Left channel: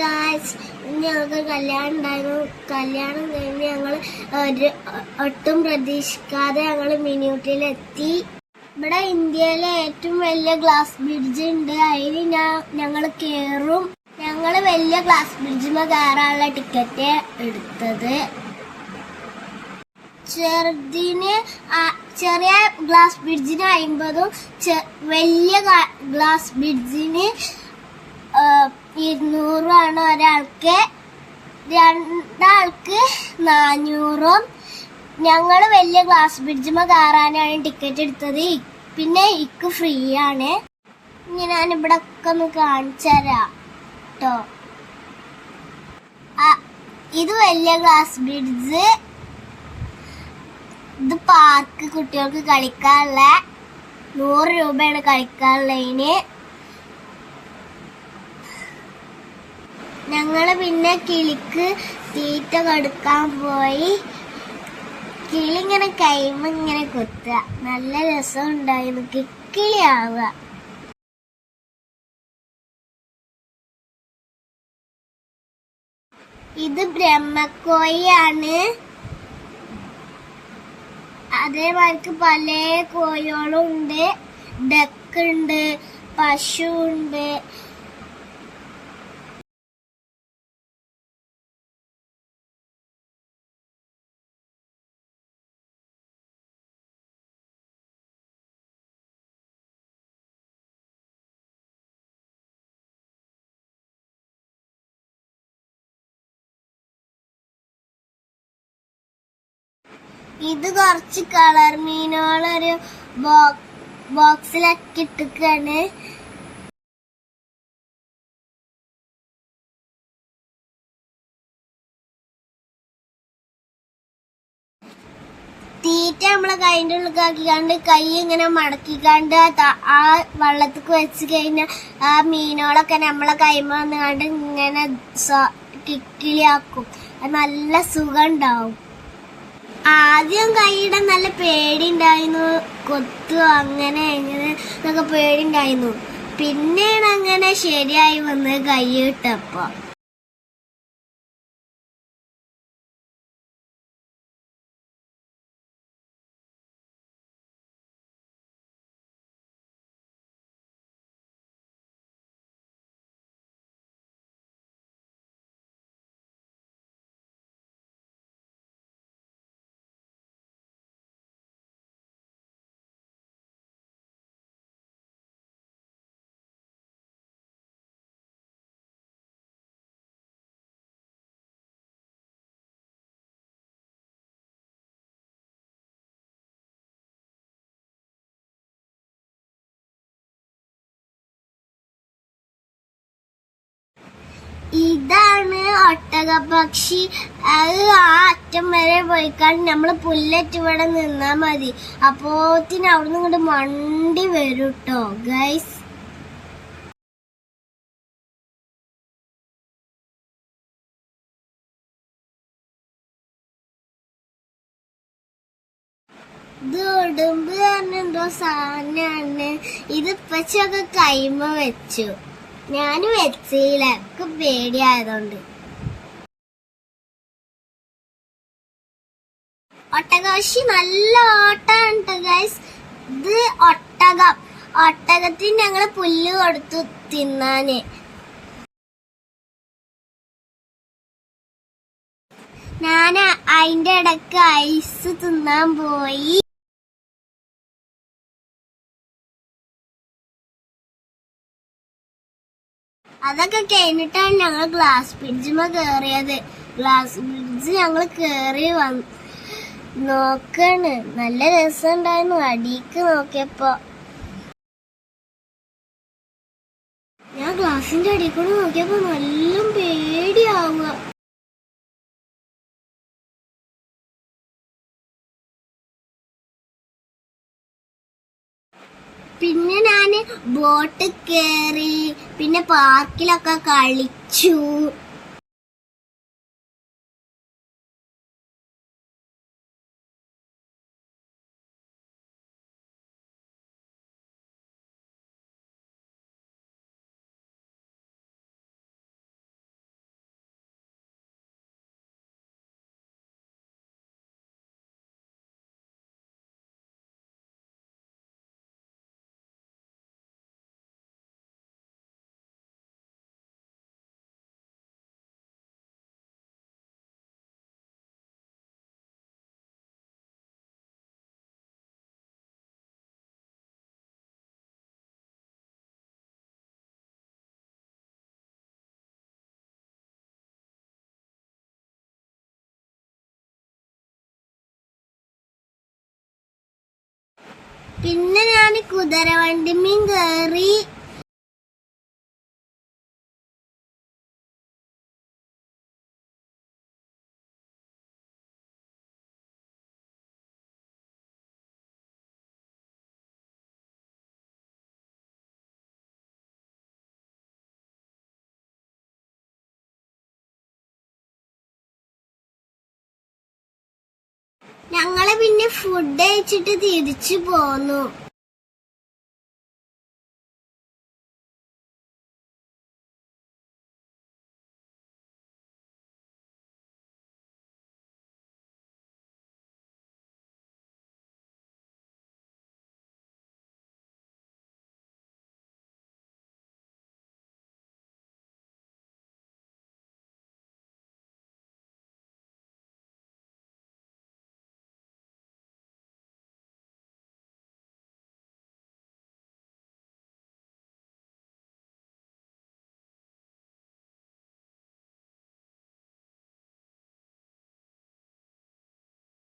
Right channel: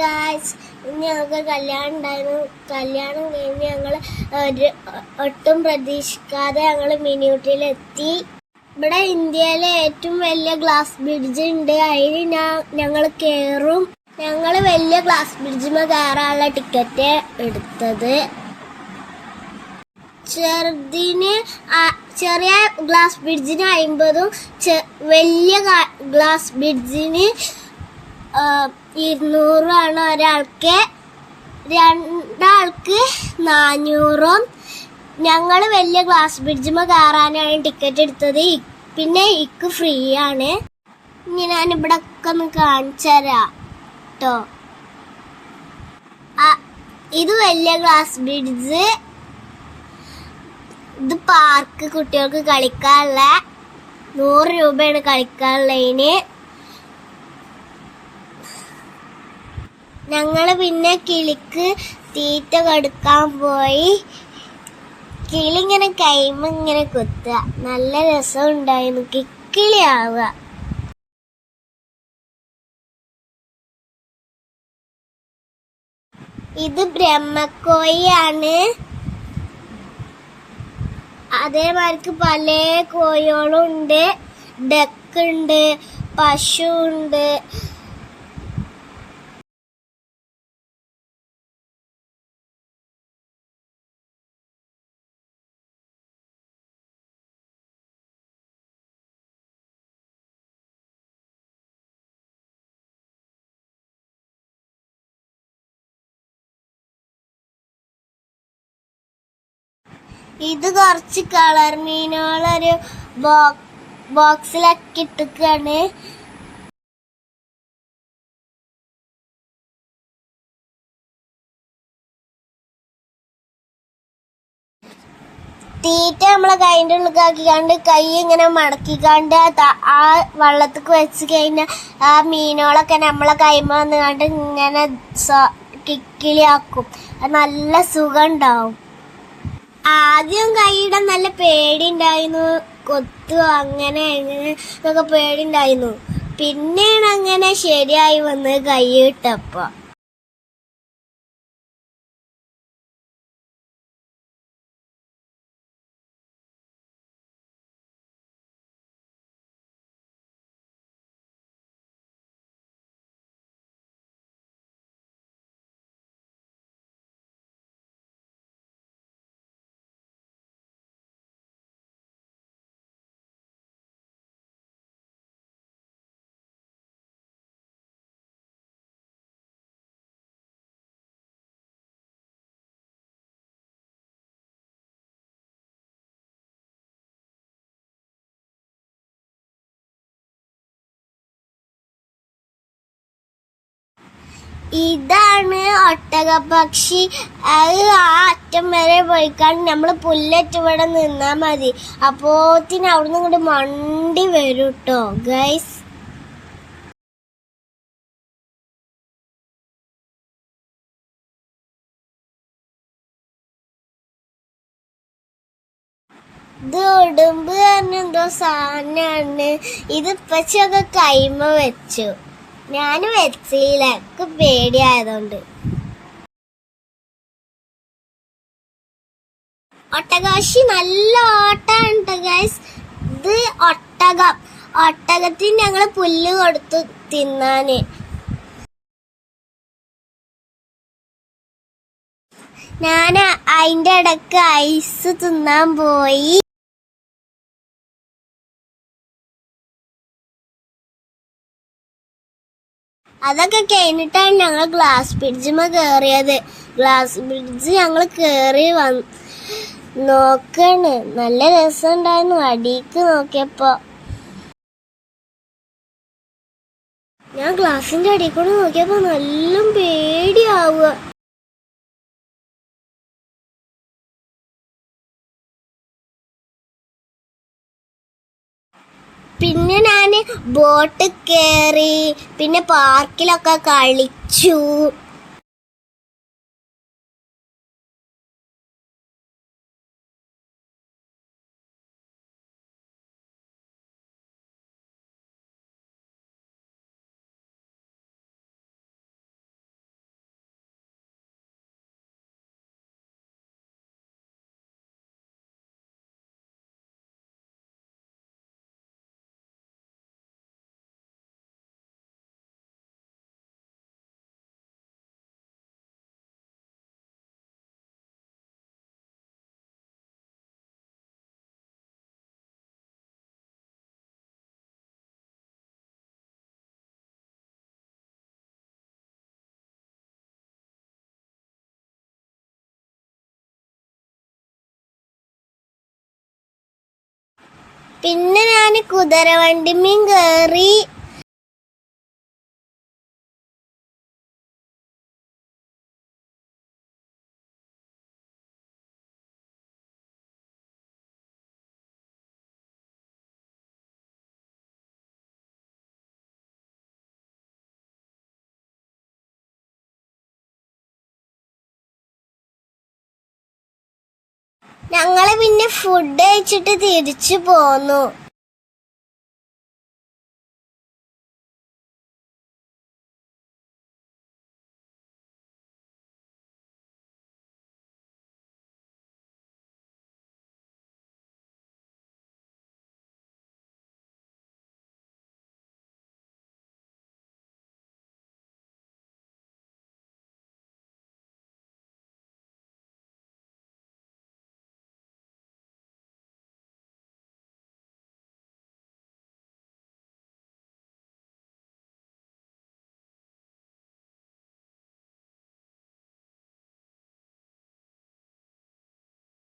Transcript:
Guys, ഇന്ന് ഞങ്ങൾക്ക് കല്യാണം ഉണ്ടായിരുന്നു. കല്യാണം കഴിഞ്ഞ് ഞങ്ങൾ ഒട്ടും പ്രതീക്ഷിക്കാതെ ഞങ്ങൾ മിനിയൂട്ടിയിലെത്തി. ഇവിടെ ഇന്ത്യയിലെ ഏറ്റവും വലിയ ഗ്ലാസ് ബ്രിഡ്ജ് ഉണ്ട്. അതിൽ ഞങ്ങൾ കയറും. ഞങ്ങൾ വലിയ ഗ്ലാസ് ബ്രിഡ്ജിൽ കയറാനുള്ള ടിക്കറ്റ് എടുത്തത്. ചെറിയ ഗ്ലാസ് ബ്രിഡ്ജിന് 50ഉം വലിയ ഗ്ലാസ് ബ്രിഡ്ജിന് 200 ഒരാൾക്ക്. രണ്ടാൾക്ക് 400. ഞങ്ങൾ വലിയ ഗ്ലാസ് ബ്രിഡ്ജിൽ കയറാനാണ് ടിക്കറ്റ് എടുത്തത്. പിന്നെ ഇക്ക് ഫ്രീ ആണ്. ഇനി ഞാൻ ഇവിടെ ഒക്കെ ഒന്ന് കാണിച്ചു തരാം കേട്ടോ. ഇത് വലിയ ഗ്ലാസ് ബ്രിഡ്ജ്. ഇത് പാർക്ക്, കുട്ടികൾക്ക് കളിക്കാനുള്ള 100 രൂപയാണ് കളിക്കാനുള്ളതിന്. ഞങ്ങൾ പിന്നെ കിളിക്ക് തീറ്റ കൊടുക്കാൻ പോയി. കിളി ഇങ്ങനെ കൈമ ഇങ്ങനെ കൊത്തുക. നല്ല രസം ഉണ്ടായിരുന്നു. കിക്കിളിയാവുക. ഇത് ബ്രഹ്മക്കോഴിയാണ്. അതേമാതിരി പല കോഴികളും ഉണ്ട്. ഡക്ക് ഉണ്ട്, പശു ഉണ്ട്. ഇത് കുറച്ച് കളർ മീനുകളൊരു ബോക്സിലൊക്കെ ഇട്ടിക്കാണ്. തീറ്റ നമ്മളെ കൈൻ്റെ ഉള്ളിലാക്കിക്കാണ്ട് കൈ ഇങ്ങനെ മടക്കിക്കാണ്ട് ആ വെള്ളത്തേക്ക് വെച്ച് കഴിഞ്ഞാൽ ആ മീനുകളൊക്കെ നമ്മളെ കൈമ വന്നുകാണ്ട് ഇങ്ങനെ കിക്കിളിയാക്കും. അത് നല്ല സുഖം ഉണ്ടാവും. ആദ്യം കൈയിടാൻ നല്ല പേടിയുണ്ടായിരുന്നു. കൊത്തുക അങ്ങനെ എങ്ങനെ എന്നൊക്കെ പേടിയുണ്ടായിരുന്നു. പിന്നെയാണ് അങ്ങനെ ശരിയായി വന്ന് കൈ ഇട്ടപ്പോ. ഇതാണ് ഒട്ടകപ്പക്ഷി. അത് ആ അറ്റം വരെ പോയിക്കാണ്ട് നമ്മള് പുല്ലറ്റ് ഇവിടെ നിന്നാ മതി. അപ്പോത്തിന് അവിടുന്ന് ഇങ്ങോട്ട് മണ്ടി വരും കേട്ടോ ഗൈസ്. ഇത് ഉടുമ്പ് തന്നെ എന്തോ സാധനമാണ്. ഇത് ഇപ്പച്ചൊക്കെ കൈമ വെച്ചു. ഞാനും വെച്ചില്ല, എനിക്ക് പേടിയായതുകൊണ്ട്. ഒട്ടകപക്ഷി നല്ല ഓട്ടാണ് ഗൈസ്. ഇത് ഒട്ടകത്തിന് ഞങ്ങള് പുല്ല് കൊടുത്തു തിന്നാന്. ഞാൻ അതിന്റെ ഇടക്ക് ഐസ് തിന്നാൻ പോയി. അതൊക്കെ കഴിഞ്ഞിട്ടാണ് ഞങ്ങൾ ഗ്ലാസ് ബ്രിഡ്ജിൽ കയറിയത്. ഗ്ലാസ് ബ്രിഡ്ജ് ഞങ്ങൾ കയറി നോക്കാണ്. നല്ല രസമുണ്ടായിരുന്നു. അടിക്ക് നോക്കിയപ്പോ ഞാൻ ഗ്ലാസിന്റെ അടിയിൽ കൂടെ നോക്കിയപ്പോ നല്ല പേടിയാവുക. പിന്നെ ഞാന് ബോട്ട് കയറി. പിന്നെ പാർക്കിലൊക്കെ കളിച്ചു. പിന്നെ ഞാൻ കുതിരവണ്ടിമീൻ കയറി. ഞങ്ങള് പിന്നെ ഫുഡ് കഴിച്ചിട്ട് തിരിച്ചു പോന്നു.